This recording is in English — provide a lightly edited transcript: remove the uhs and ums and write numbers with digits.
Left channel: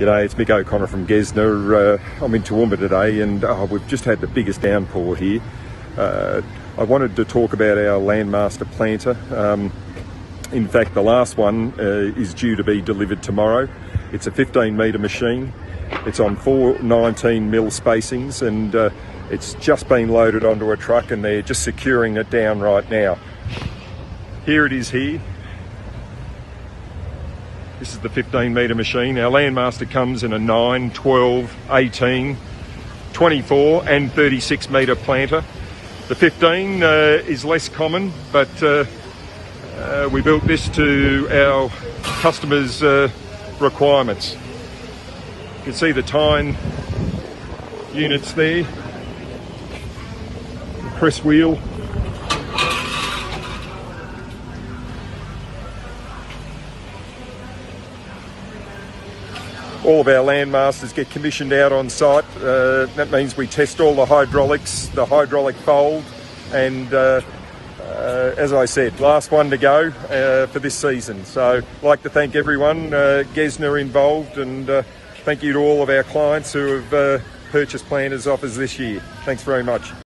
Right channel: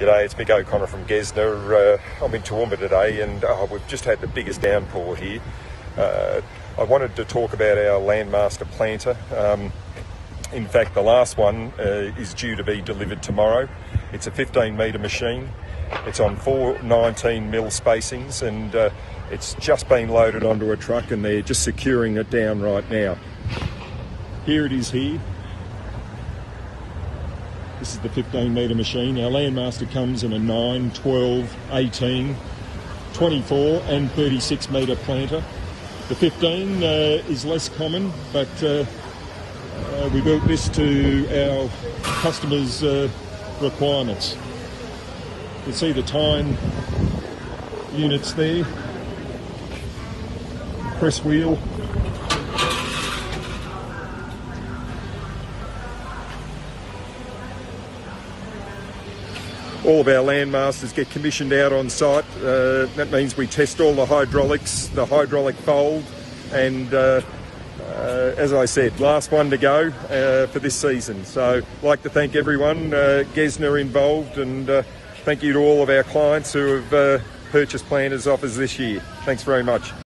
G'day, it's Mick O'Connor from Gessner. I'm in Toowoomba today and we've just had the biggest downpour here. I wanted to talk about our Landmaster planter. In fact, the last one is due to be delivered tomorrow. It's a 15 metre machine. It's on 4 19mm spacings and it's just been loaded onto a truck and they're just securing it down right now. Here it is here. This is the 15 metre machine. Our Landmaster comes in a 9, 12, 18, 24 and 36 metre planter. The 15 is less common, but we built this to our customers' requirements. You can see the Tyne units there, the press wheel. All of our Landmasters get commissioned out on site. That means we test all the hydraulics, the hydraulic fold, and as I said, last one to go for this season. So I'd like to thank everyone, Gessner involved, and thank you to all of our clients who have purchased planters off us this year. Thanks very much.